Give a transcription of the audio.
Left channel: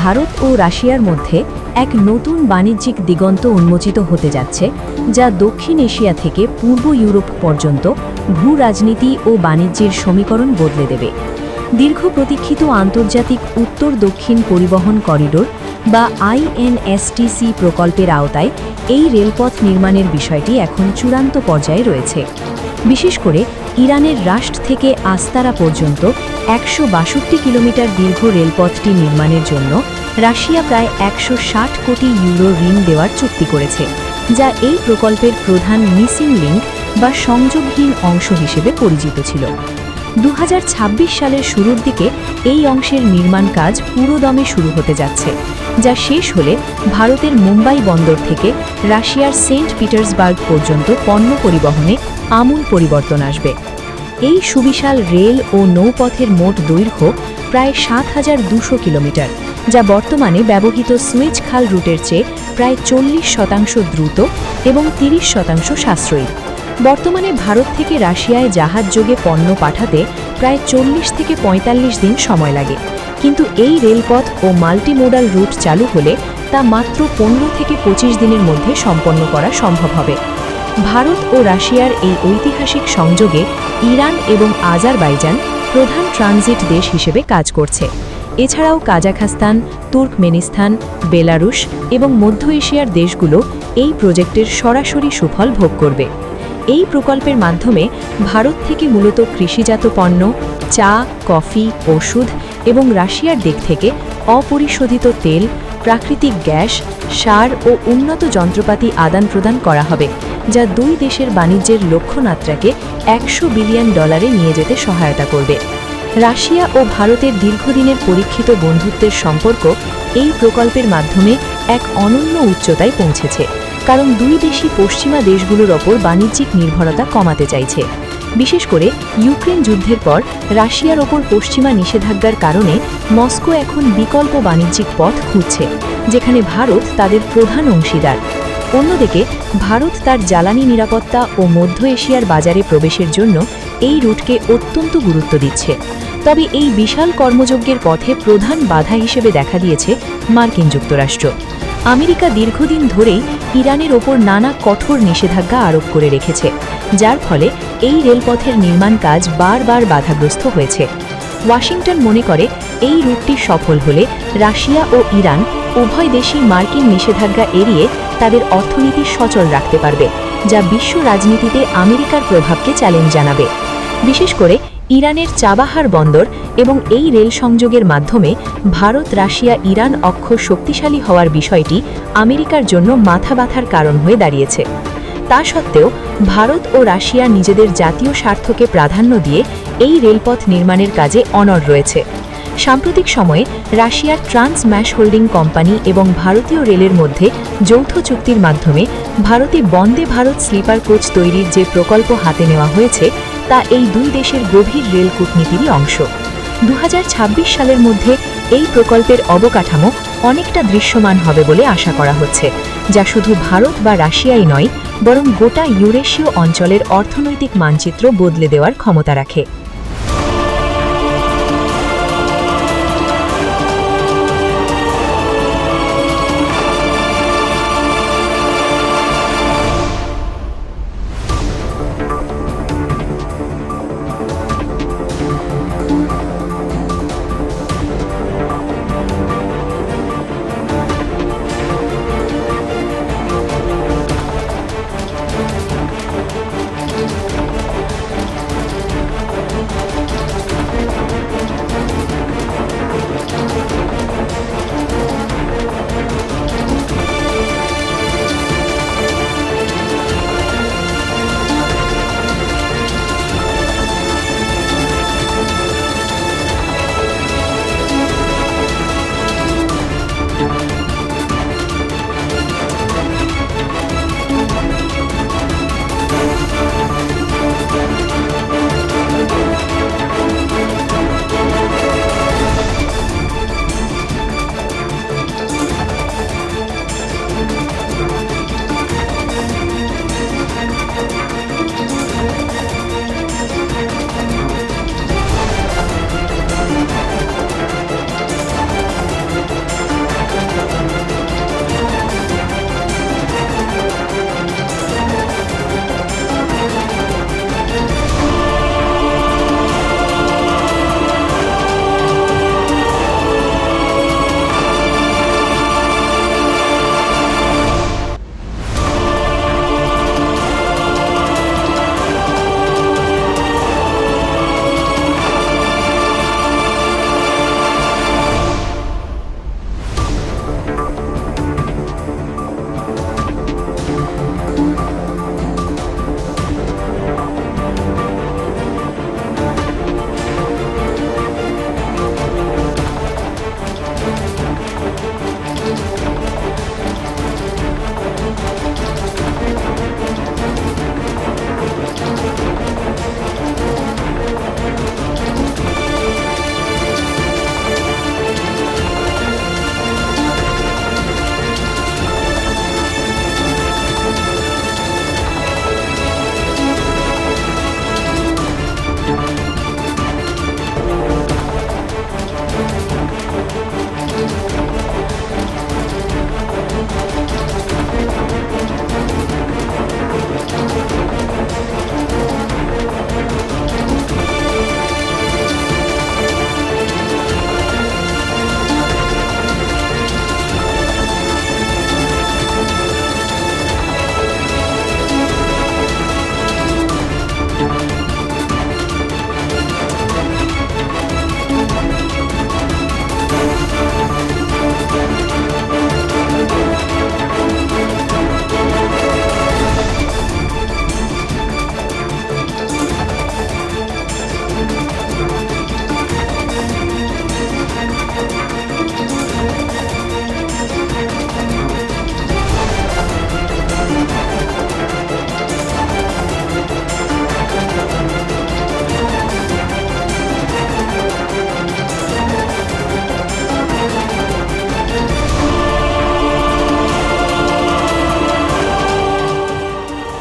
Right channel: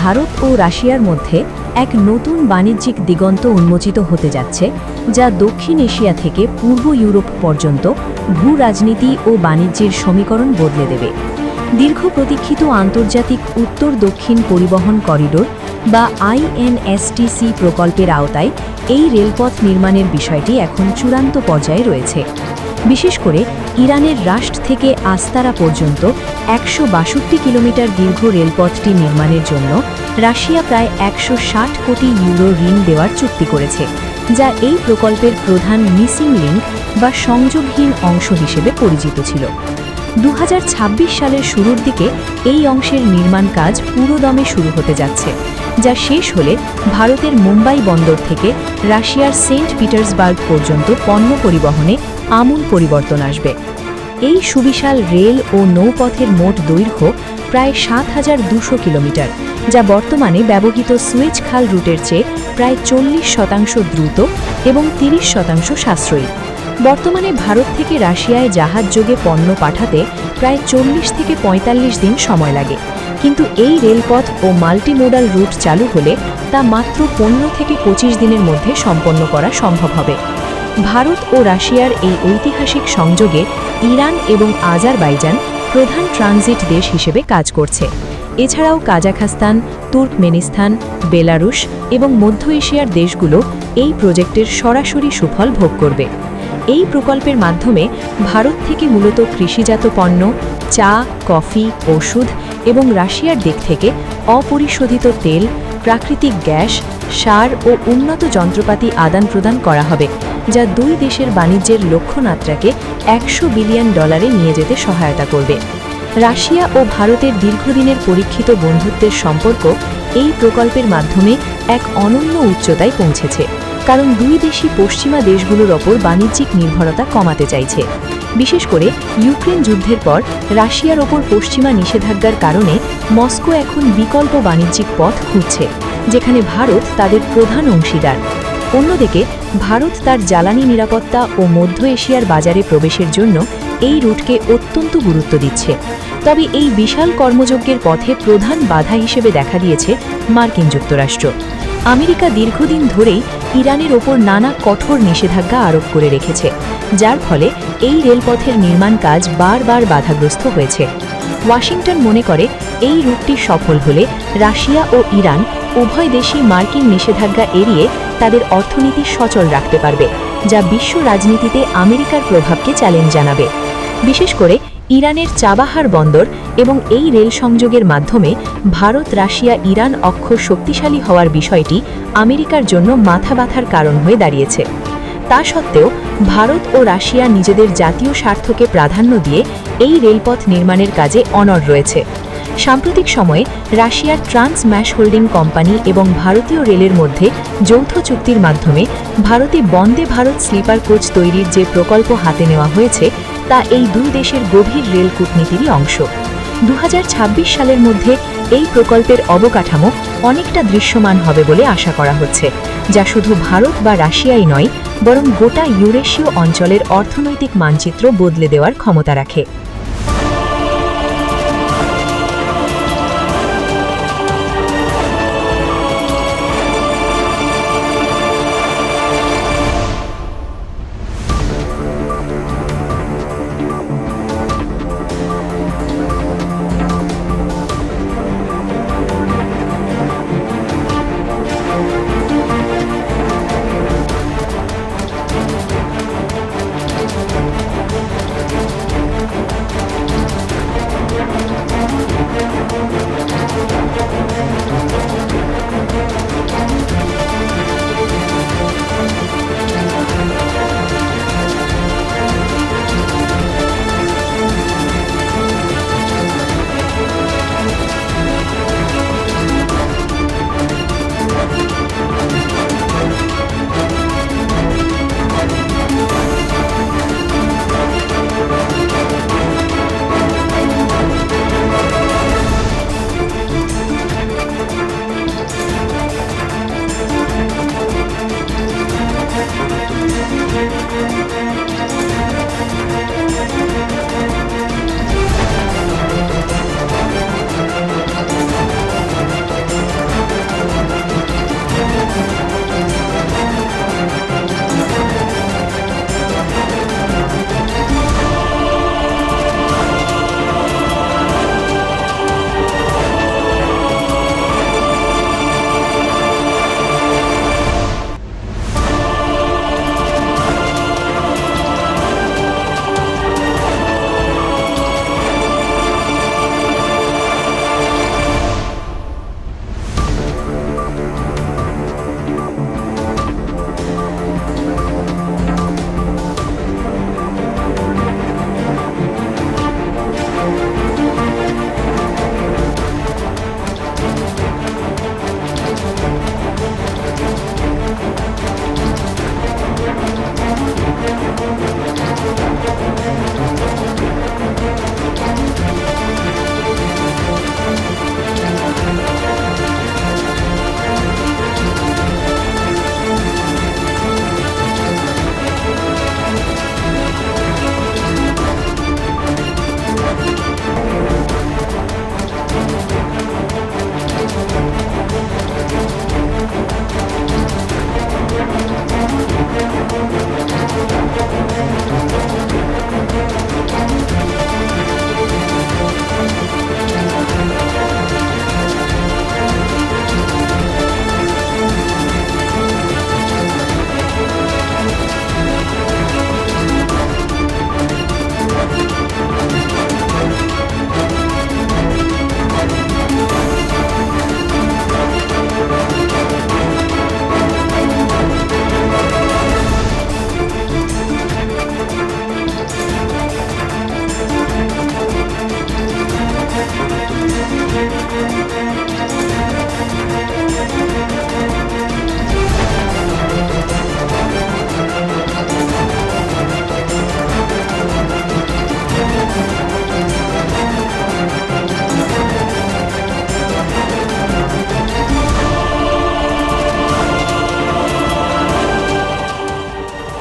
ভারত ও রাশিয়ার মধ্যে এক নতুন বাণিজ্যিক দিগন্ত উন্মোচিত হতে যাচ্ছে, যা দক্ষিণ এশিয়া থেকে পূর্ব ইউরোপ পর্যন্ত ভূ রাজনীতি ও বাণিজ্যের সমীকরণ বদলে দেবে। দীর্ঘ প্রতীক্ষিত আন্তর্জাতিক উত্তর দক্ষিণ পরিবহন করিডোর বা INSTC প্রকল্পের আওতায় এই রেলপথ নির্মাণের বিষয়টি এখন চূড়ান্ত পর্যায়ে রয়েছে। বিশেষ করে ইরানের রাশট থেকে আস্তারা পর্যন্ত ১৬২ কিলোমিটার দীর্ঘ রেলপথটি নির্মাণের জন্য রাশিয়া প্রায় ১৬০ কোটি ইউরো ঋণ দেওয়ার চুক্তি করেছে, যা এই প্রকল্পের প্রধান মিসিং লিঙ্ক বা সংযোগহীন অংশ হিসেবে পরিচিত ছিল। ২০২৬ সালের শুরুর দিকে এই অংশের নির্মাণ কাজ পুরোদমে শুরু হতে যাচ্ছে, যা শেষ হলে ভারতের মুম্বাই বন্দর থেকে রাশিয়ার সেন্ট পিটার্সবার্গ পর্যন্ত পণ্য পরিবহনে আমূল পরিবর্তন আসবে। এই সুবিশাল রেল ও নৌপথের মোট দৈর্ঘ্য প্রায় ৭,২০০ কিলোমিটার, যা বর্তমানে ব্যবহৃত সুয়েজ খাল রুটের চেয়ে প্রায় ৪০% দ্রুত এবং ৩০% সাশ্রয়ী। বর্তমানে ভারত থেকে রাশিয়ায় জাহাজযোগে পণ্য পাঠাতে প্রায় ৪০ থেকে ৪৫ দিন সময় লাগে, কিন্তু এই রেলপথ ও মাল্টিমোডাল রুট চালু হলে তা মাত্র ১৫ থেকে ২৫ দিনের মধ্যে সম্পন্ন করা সম্ভব হবে। ভারত ও রাশিয়ার এই ঐতিহাসিক সংযোগে ইরান এবং আজারবাইজান প্রধান ট্রানজিট দেশ হিসেবে কাজ করছে। এছাড়াও কাজাখস্তান, তুর্কমেনিস্তান, বেলারুশ এবং মধ্য এশিয়ার দেশগুলো এই প্রজেক্টের সরাসরি সুফল ভোগ করবে। এই প্রকল্পের মাধ্যমে ভারত থেকে মূলত কৃষিজাত পণ্য, চা, কফি, ওষুধ এবং রাশিয়ার দিক থেকে অপরিশোধিত তেল, প্রাকৃতিক গ্যাস, সার ও উন্নত যন্ত্রপাতি আদান প্রদান করা হবে, যা দুই দেশের বাণিজ্যের লক্ষ্যমাত্রাকে $100 বিলিয়ন নিয়ে যেতে সহায়তা করবে। রাশিয়া ও ভারতের দীর্ঘদিনের পরীক্ষিত বন্ধুত্বের সম্পর্ক এই প্রকল্পের মাধ্যমে এক অনন্য উচ্চতায় পৌঁছেছে, কারণ দুই দেশই পশ্চিমা দেশগুলোর ওপর বাণিজ্যিক নির্ভরতা কমাতে চাইছে। বিশেষ করে ইউক্রেন যুদ্ধের পর রাশিয়ার ওপর পশ্চিমা নিষেধাজ্ঞার কারণে মস্কো এখন বিকল্প বাণিজ্যিক পথ খুঁজছে, যেখানে ভারত তাদের প্রধান অংশীদার। অন্যদিকে ভারত তার জ্বালানি নিরাপত্তা ও মধ্য এশিয়ার বাজারে প্রবেশের জন্য এই রুটকে অত্যন্ত গুরুত্ব দিচ্ছে। তবে এই বিশাল কর্মযজ্ঞের পথে প্রধান বাধা হিসেবে দেখা দিয়েছে মার্কিন যুক্তরাষ্ট্র। আমেরিকা দীর্ঘদিন ধরেই ইরানের ওপর নানা কঠোর নিষেধাজ্ঞা আরোপ করে রেখেছে, যার ফলে এই রেলপথের নির্মাণ কাজ বারবার বাধাগ্রস্ত হয়েছে। ওয়াশিংটন মনে করে এই রুটটি সফল হলে রাশিয়া ও ইরান উভয় দেশই মার্কিন নিষেধাজ্ঞা এড়িয়ে তাদের অর্থনীতি সচল রাখতে পারবে, যা বিশ্ব রাজনীতিতে আমেরিকার প্রভাবকে চ্যালেঞ্জ জানাবে। বিশেষ করে ইরানের চাবাহার বন্দর এবং এই রেল সংযোগের মাধ্যমে ভারত, রাশিয়া, ইরান অক্ষ শক্তিশালী হওয়ার বিষয়টি আমেরিকার জন্য মাথা ব্যথার কারণ হয়ে দাঁড়িয়েছে। তা সত্ত্বেও ভারত ও রাশিয়া নিজেদের জাতীয় স্বার্থকে প্রাধান্য দিয়ে এই রেলপথ নির্মাণের কাজে অনড় রয়েছে। সাম্প্রতিক সময়ে রাশিয়ার ট্রান্স ম্যাশ হোল্ডিং কোম্পানি এবং ভারতীয় রেলের মধ্যে যৌথ চুক্তির মাধ্যমে ভারতে বন্দে ভারত স্লিপার কোচ তৈরির যে প্রকল্প হাতে নেওয়া হয়েছে, তা এই দুই দেশের গভীর রেল কূটনীতিরই অংশ। ২০২৬ সালের মধ্যে এই প্রকল্পের অবকাঠামো অনেকটা দৃশ্যমান হবে বলে আশা করা হচ্ছে, যা শুধু ভারত বা রাশিয়াই নয়, বরং গোটা ইউরেশীয় অঞ্চলের অর্থনৈতিক মানচিত্র বদলে দেওয়ার ক্ষমতা রাখে।